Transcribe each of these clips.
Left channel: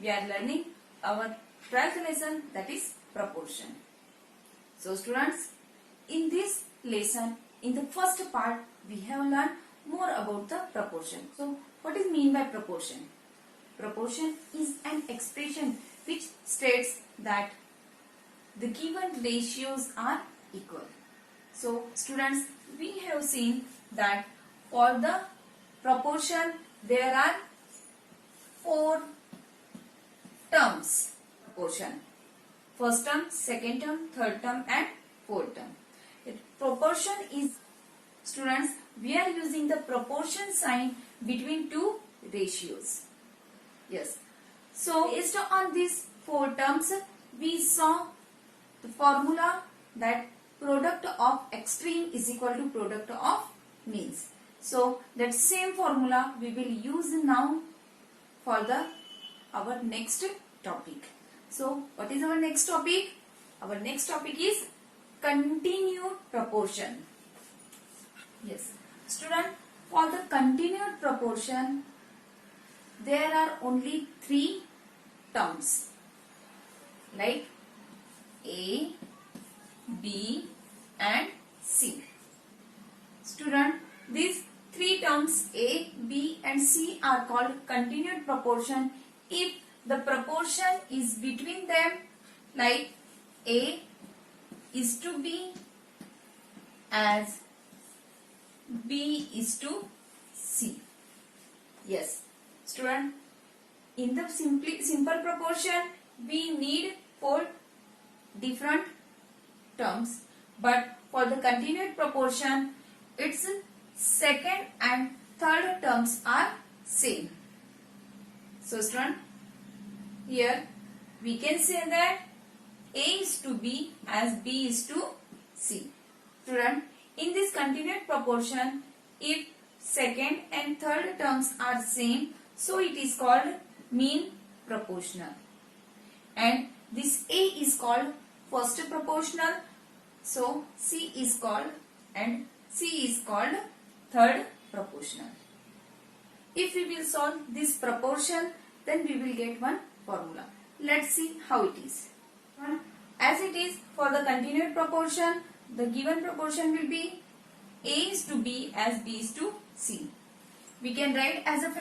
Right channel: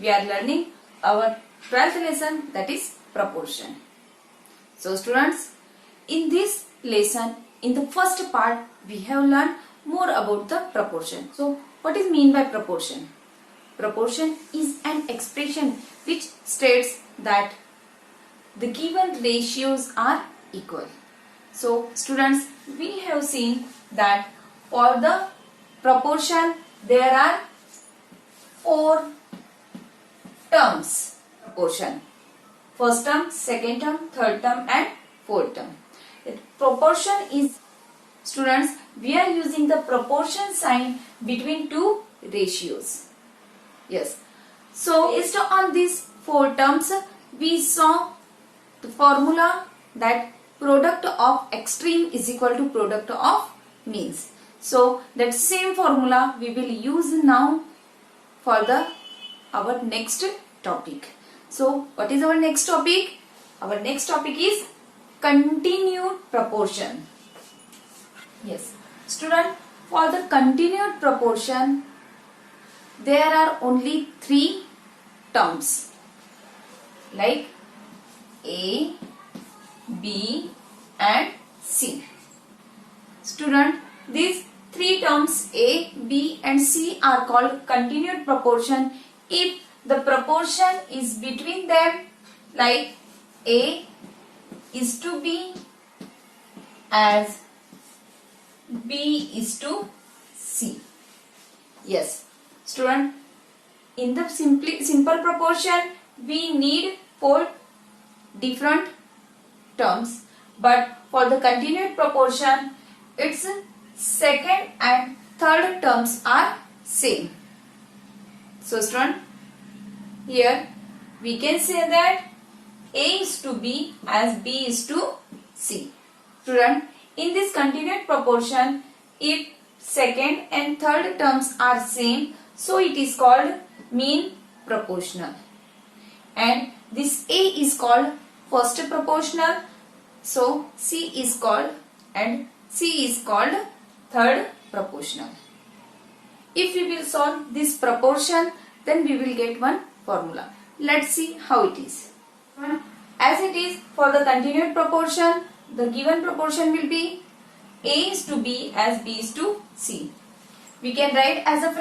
we are learning our 12th lesson, that is proportion. So students, in this lesson, in the first part, we have learned more about the proportion. So what is mean by proportion? Proportion is an expression which states that the given ratios are equal. So students, we have seen that for the proportion there are 4 terms. Proportion: first term, second term, third term and fourth term. Proportion is, students, we are using the proportion sign between two ratios. Yes. So based on these 4 terms, we saw the formula that product of extreme is equal to product of means. So that same formula we will use now for our next topic. So what is our next topic? Our next topic is continued proportion. Yes, student, for the continued proportion there are only 3 terms like A, B and C. Student, these 3 terms A, B and C are called continued proportion if the proportion is between them, like A is to B as B is to C. Yes, student, in the simple proportion we need 4 different terms, but for the continued proportion its second and third terms are same. So student, here we can say that A is to B as B is to C. Student, in this continued proportion, if second and third terms are same, so it is called mean proportional. And this A is called first proportional, so C is called third proportional. If we will solve this proportion, then we will get one formula. Let's see how it is. As it is for the continued proportion, the given proportion will be A is to B as B is to C. We can write as a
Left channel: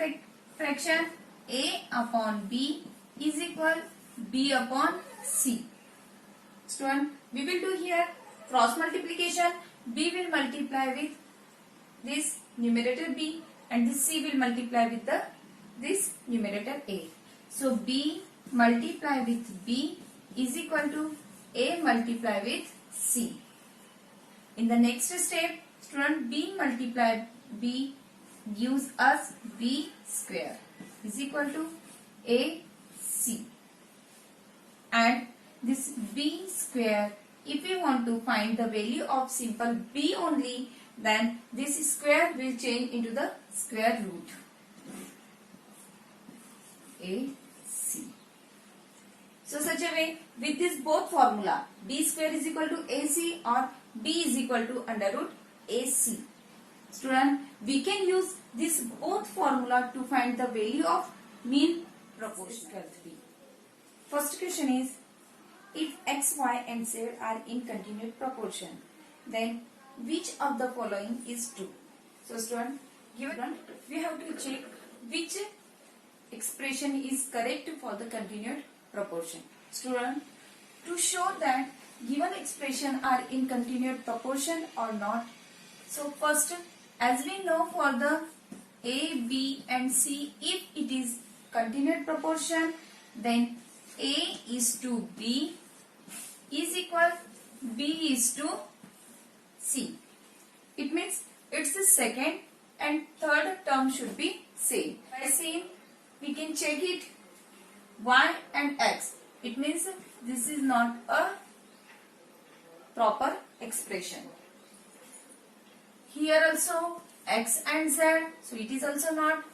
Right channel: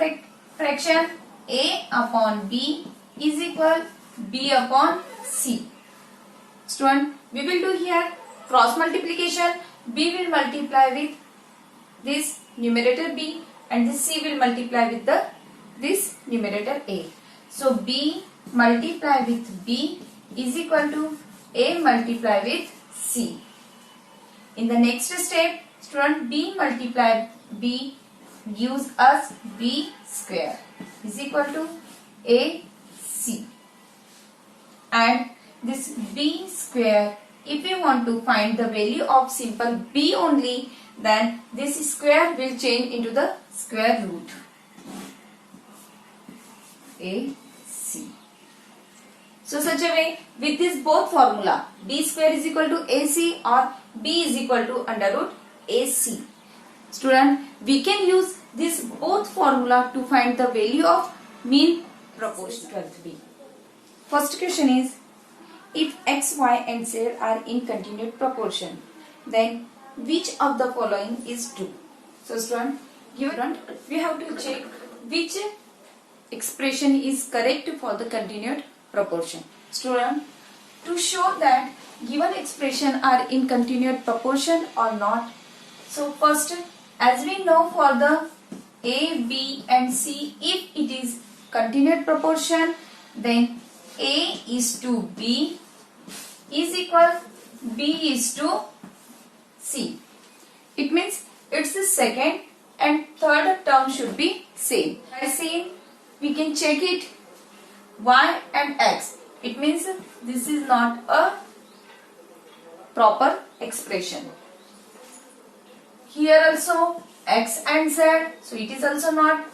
fraction A upon B is equal B upon C. Student, we will do here cross multiplication. B will multiply with this numerator B and this C will multiply with this numerator A. So B multiply with B is equal to A multiply with C. In the next step, student, B multiply B gives us B square is equal to AC. And this B square, if we want to find the value of simple B only, then this square will change into the square root AC. So such a way, with this both formula, B square is equal to AC or B is equal to under root AC. Student, we can use this both formula to find the value of mean proportion. 12B. First question is, if X, Y and Z are in continued proportion, then which of the following is true? So student, here we have to check which expression is correct for the continued proportion. Student, to show that given expression are in continued proportion or not, so first, as we know for the A, B and C, if it is continued proportion, then A is to B is equal B is to C. It means its the second and third term should be same. As seen, we can check it Y and X. It means this is not a proper expression. Here also X and Z, so it is also not.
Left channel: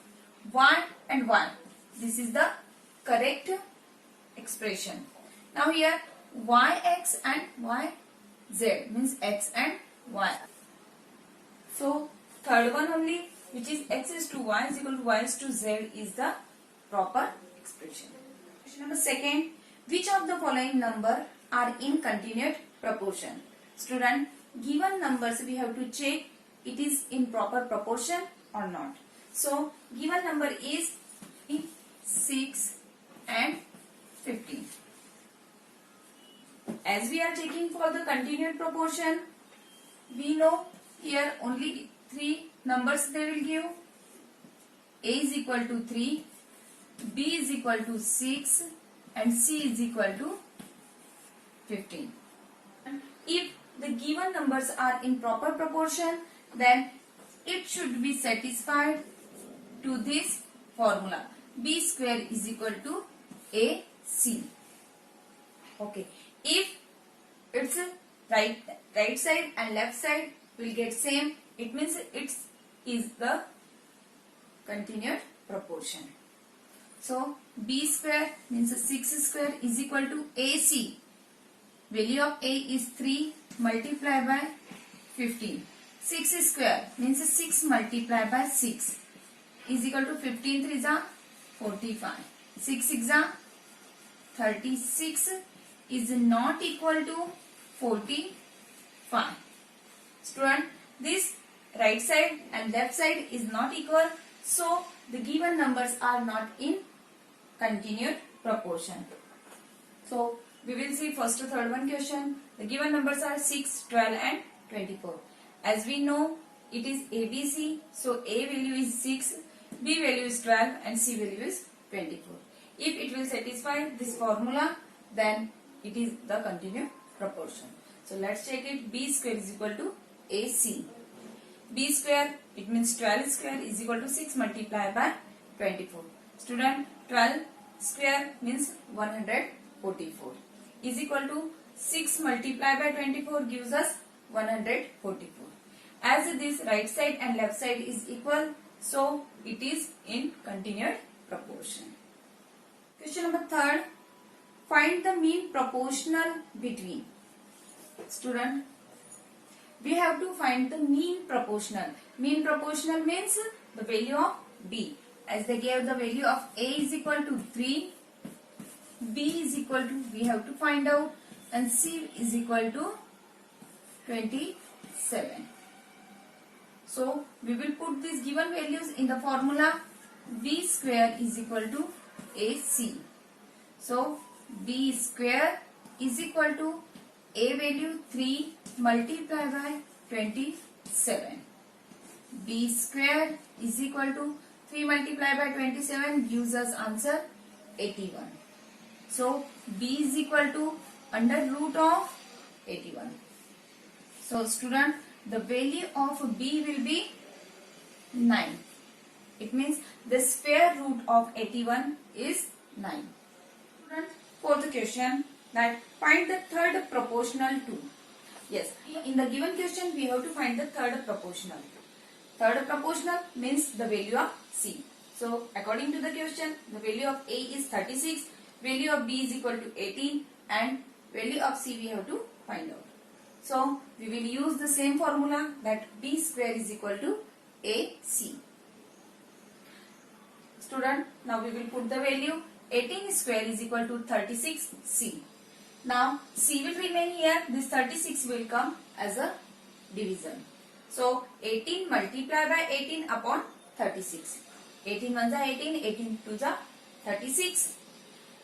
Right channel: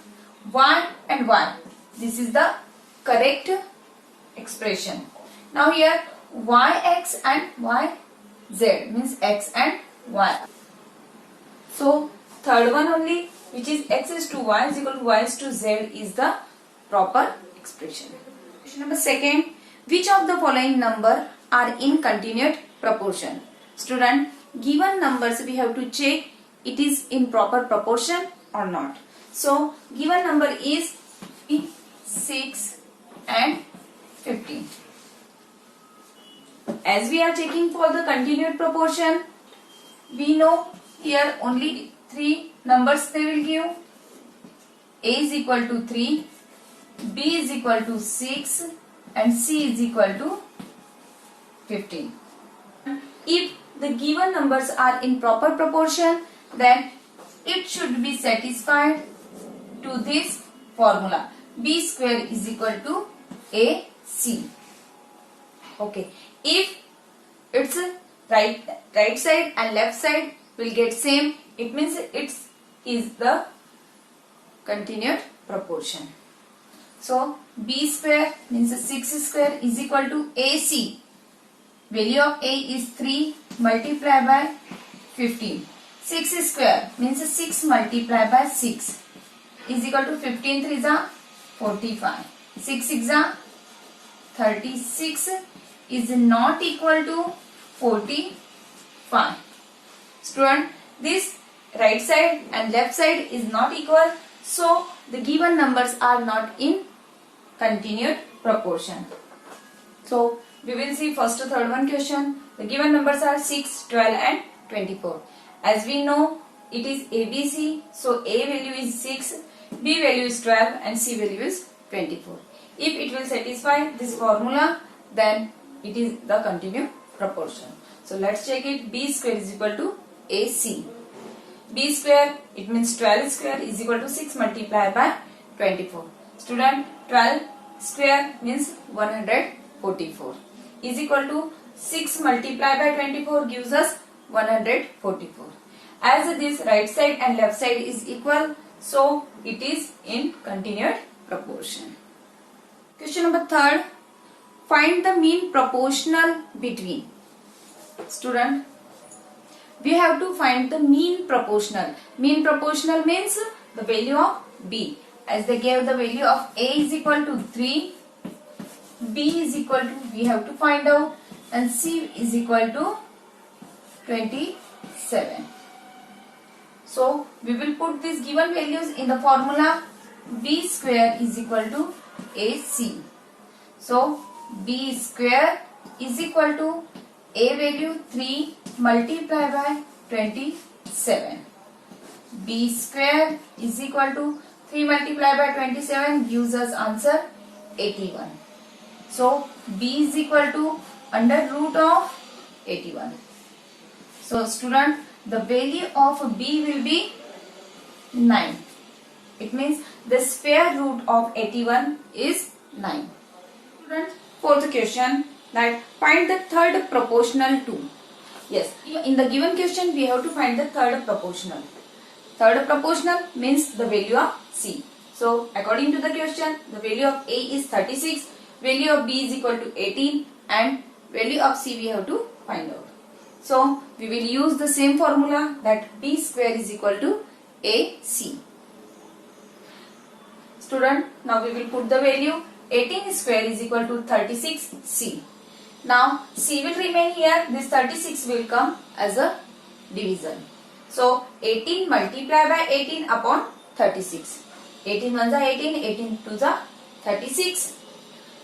Y and Y, this is the correct expression. Now here YX and YZ means X and Y. So third one only, which is X is to Y is equal to Y is to Z, is the proper expression. Question number second. Which of the following number are in continued proportion? Student, given numbers we have to check it is in proper proportion or not. So, given number is 6 and 15. As we are checking for the continued proportion, we know here only 3 numbers they will give. A is equal to 3, B is equal to 6 and C is equal to 15. If the given numbers are in proper proportion, then it should be satisfied to this formula. B square is equal to AC. Okay. If it's right side and left side will get same, it means it is the continued proportion. So B square means 6 square is equal to AC. Value of A is 3 multiplied by 15. 6 square means 6 multiplied by 6 is equal to 15 3 is 45. 6 6 36 is not equal to 45. Student, this right side and left side is not equal, so the given numbers are not in continued proportion. So we will see first third one question. The given numbers are 6, 12 and 24. As we know it is ABC, so A value is 6, B value is 12 and C value is 24. If it will satisfy this formula, then it is the continued proportion. So let's check it. B square is equal to AC. B square, it means 12 square is equal to 6 multiplied by 24. Student, 12 square means 144 is equal to 6 multiplied by 24 gives us 144. As this right side and left side is equal, so it is in continued proportion. Question number third. Find the mean proportional between. Student, we have to find the mean proportional. Mean proportional means the value of B. As they gave the value of A is equal to 3, B is equal to, we have to find out, and C is equal to 27. So we will put these given values in the formula. B square is equal to AC. So B square is equal to A value 3 multiplied by 27. B square is equal to 3 multiplied by 27 gives us answer 81. So B is equal to under root of 81. So student, the value of B will be 9. It means the square root of 81 is 9. Student, fourth question, that find the third proportional to. Yes, in the given question we have to find the third proportional. Third proportional means the value of C. So according to the question, the value of A is 36, value of B is equal to 18 and value of C we have to find out. So we will use the same formula, that B square is equal to AC. Student, now we will put the value. 18 square is equal to 36C. Now C will remain here, this 36 will come as a division. So 18 multiplied by 18 upon 36. 18 ones are 18, 18 twos are 36.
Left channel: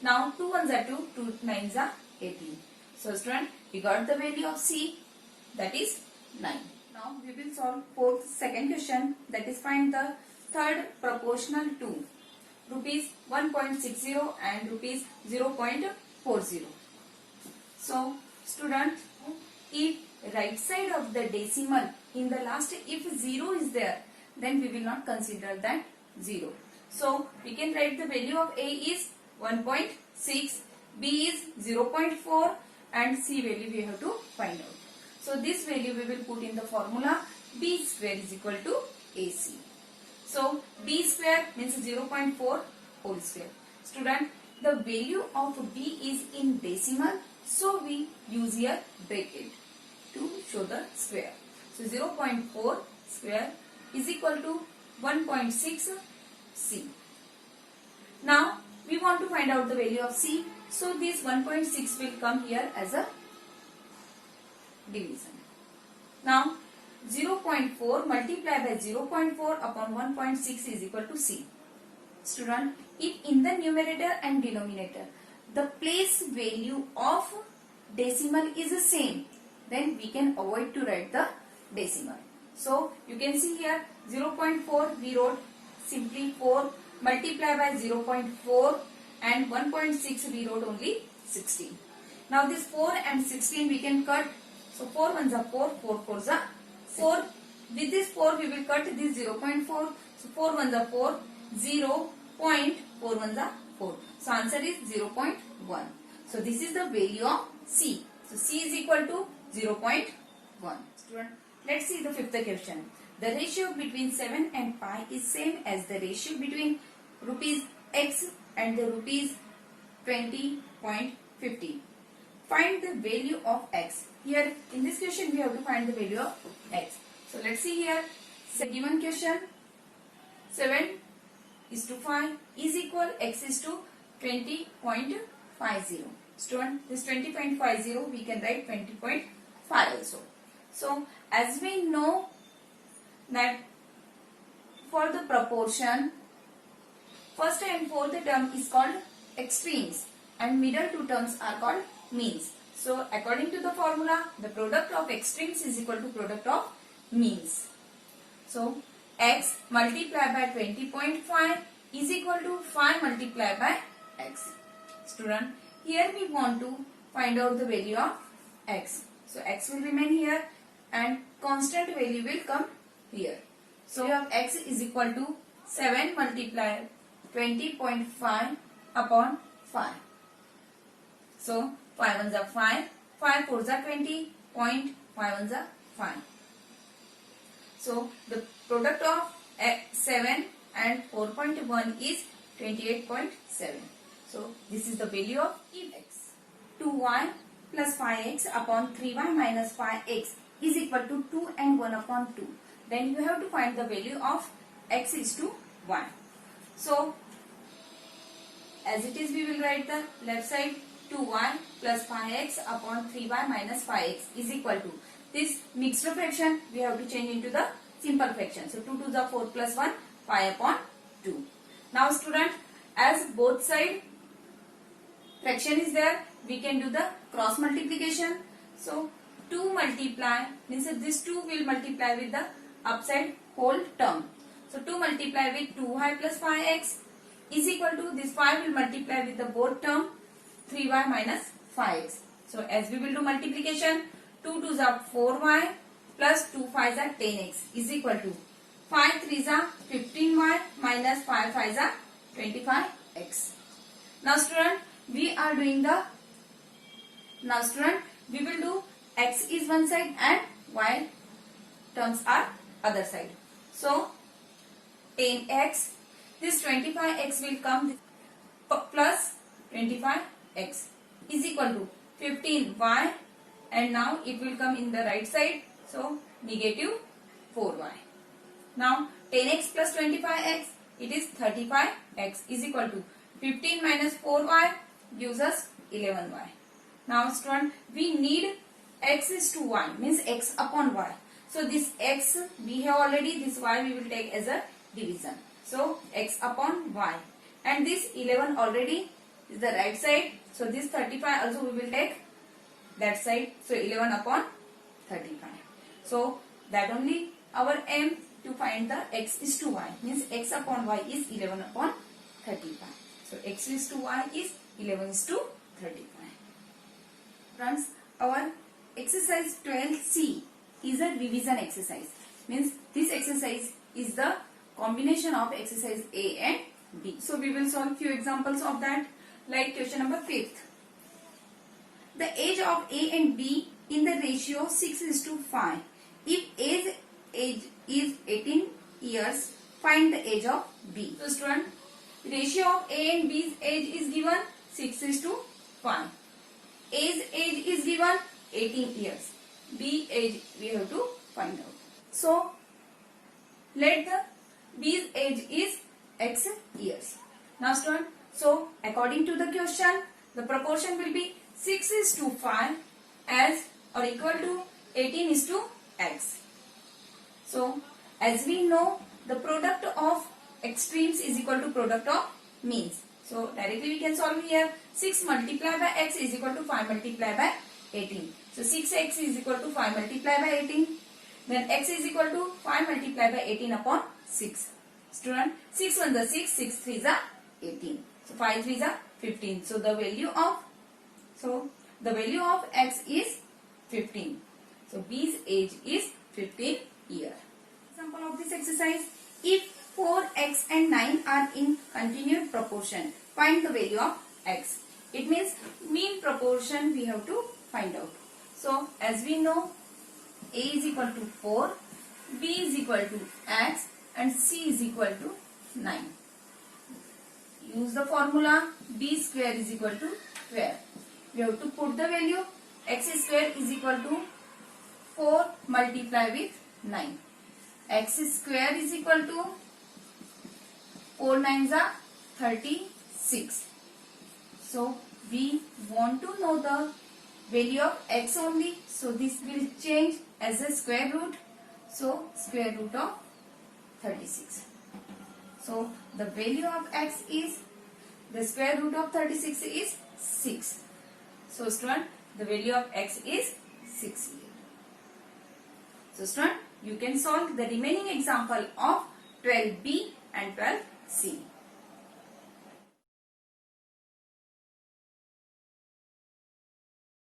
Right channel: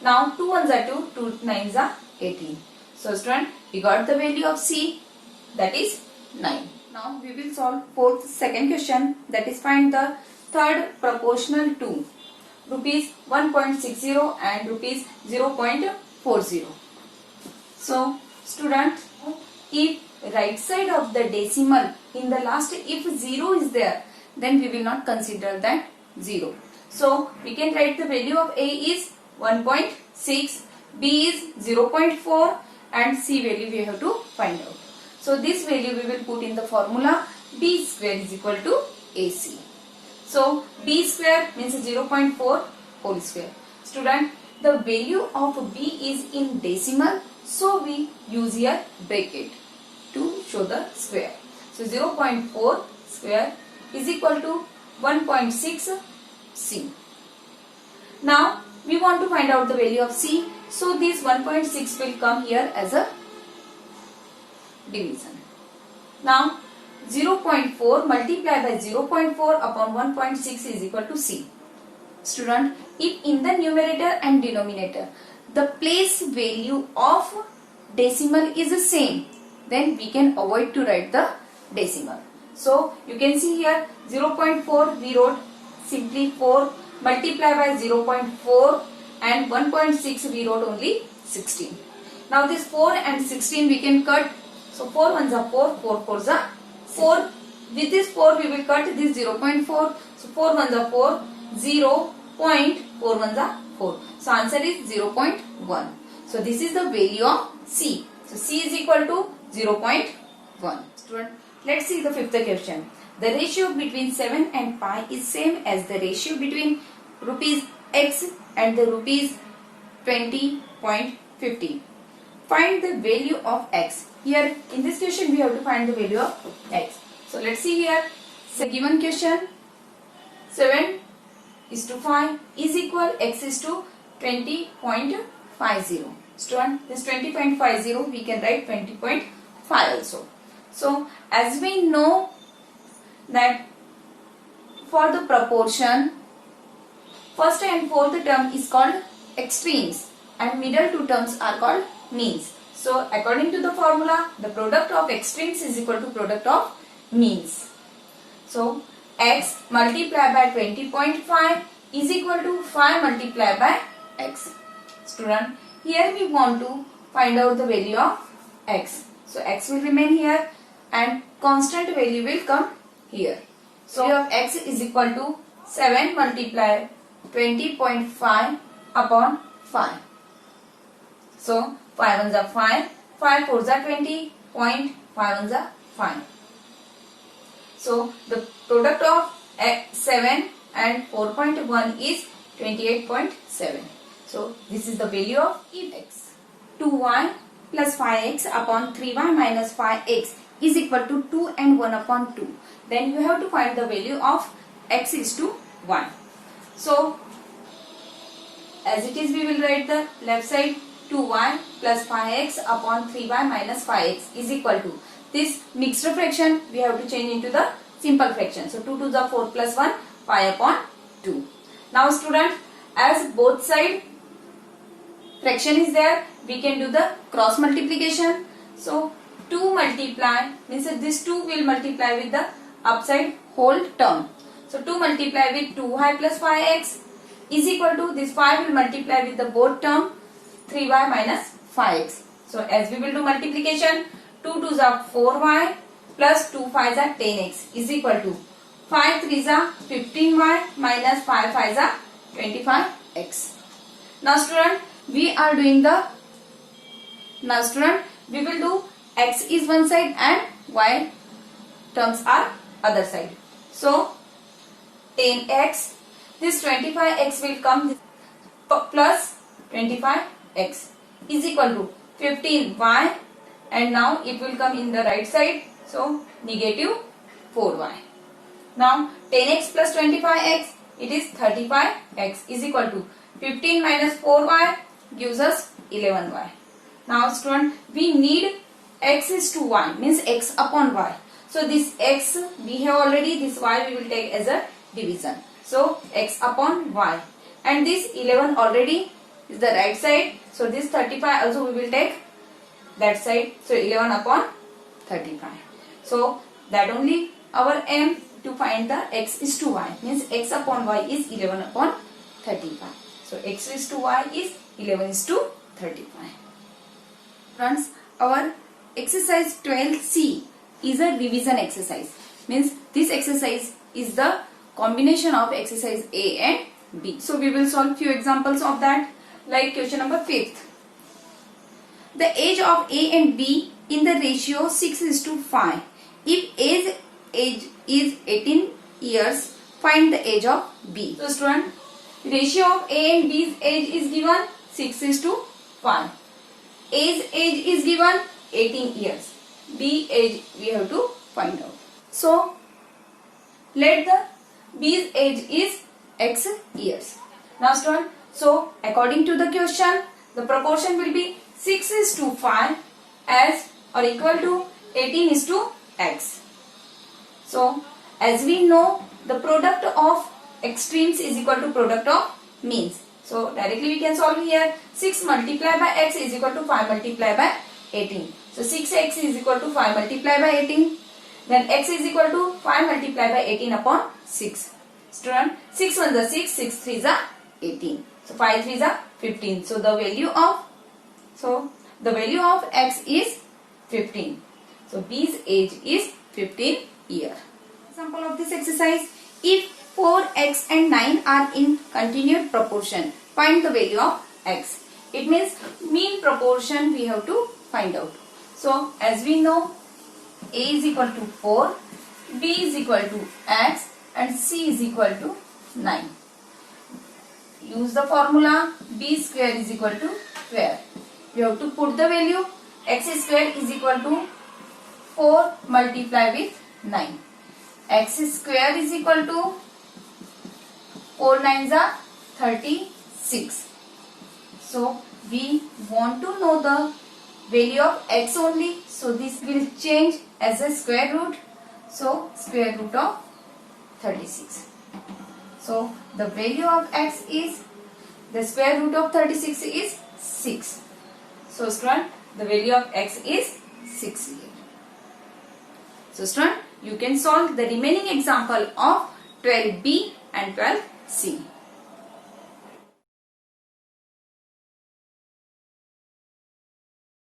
Now 2 ones are 2, 2 nines are 18. So student, we got the value of C, that is 9. Now we will solve second question, that is find the third proportional to rupees 1.60 and rupees 0.40. So student, if right side of the decimal in the last, if 0 is there, then we will not consider that 0. So we can write the value of A is 1.6, B is 0.4 and C value we have to find out. So this value we will put in the formula. B square is equal to AC. So B square means 0.4 whole square. Student, the value of B is in decimal, so we use here bracket to show the square. So 0.4 square is equal to 1.6 C. Now we want to find out the value of C. So this 1.6 will come here as a division. Now 0.4 multiplied by 0.4 upon 1.6 is equal to C. Student, if in the numerator and denominator the place value of decimal is the same, then we can avoid to write the decimal. So you can see here 0.4 we wrote simply 4 multiplied by 0.4 and 1.6 we wrote only 16. Now this 4 and 16 we can cut. So 4 ones are 4, 4 fours are 4. With this 4 we will cut this 0.4. So 4 ones are 4, 0.4 ones are 4. So answer is 0.1. So this is the value of C. So C is equal to 0.1. Student, let's see the fifth question. The ratio between 7 and pi is same as the ratio between rupees X and the rupees 20.50. Find the value of X. Here in this question we have to find the value of X. So let's see here. So given question 7 is to 5 is equal X is to 20.50. Student, this 20.50 we can write 20.5 also. So as we know that for the proportion, first and fourth term is called extremes and middle two terms are called means. So according to the formula, the product of extremes is equal to product of means. So X multiplied by 20.5 is equal to 5 multiplied by X. Student, here we want to find out the value of X. So X will remain here and constant value will come here. So value of X is equal to 7 multiplied 20.5 upon 5. So 5 ones are 5, 5 fours are 20, 0.5 ones are 5. So the product of 7 and 4.1 is 28.7. So this is the value of X. 2y plus 5x upon 3y minus 5x is equal to 2 and 1 upon 2. Then you have to find the value of x is to 1. So as it is we will write the left side 2y plus 5x upon 3y minus 5x is equal to this mixed fraction we have to change into the simple fraction. So 2 to the 4 plus 1 5 upon 2. Now student, as both side fraction is there, we can do the cross multiplication. So 2 multiply means that this 2 will multiply with the upside whole term. So 2 multiply with 2y plus 5x is equal to this 5 will multiply with the both term 3y minus 5x. So as we will do multiplication, 2 2s are 4y plus 2 5s are 10x is equal to 5 3s are 15y minus 5 5s are 25x. Now student, we will do x is one side and y terms are other side. So 10x, this 25x will come plus 25x is equal to 15y, and now it will come in the right side. So negative 4y. Now 10x plus 25x, it is 35x is equal to 15 minus 4y gives us 11y. Now student, we need x is to y means x upon y. So this x we have already, this y we will take as a division. So x upon y, and this 11 already is the right side. So this 35 also we will take that side. So 11 upon 35. So that only our aim to find the x is to y means x upon y is 11 upon 35. So x is to y is 11 is to 35. Friends, our exercise 12C is a revision exercise. Means this exercise is the combination of exercise A and B. So we will solve few examples of that, like question number 5th. The age of A and B in the ratio 6 is to 5. If A's age is 18 years, find the age of B. So student, ratio of A and B's age is given 6 is to 5. A's age is given 18 years. B age we have to find out. So let the B's age is x years. Now student, So according to the question, the proportion will be 6:5 as or equal to 18:x. So as we know, the product of extremes is equal to product of means. So directly we can solve here. 6 multiplied by x is equal to 5 multiplied by 18. So 6x is equal to 5 multiplied by 18. Then x is equal to 5 multiplied by 18 upon 6. Student, 6 1s are 6, 6 3s are 18. So 5 3s are 15. So the value of x is 15. So B's age is 15 years. Example of this exercise: if 4x and 9 are in continued proportion, find the value of x. It means mean proportion we have to find out. So as we know, a is equal to 4, b is equal to x and c is equal to 9. Use the formula b square is equal to 12. We have to put the value. X square is equal to 4 multiplied with 9. X square is equal to 4 9s are 36. So we want to know the value of x only. So this will change as a square root. So square root of 36. So the value of x is, the square root of 36 is 6. So student, the value of x is 6 here. So student, you can solve the remaining example of 12b and 12c.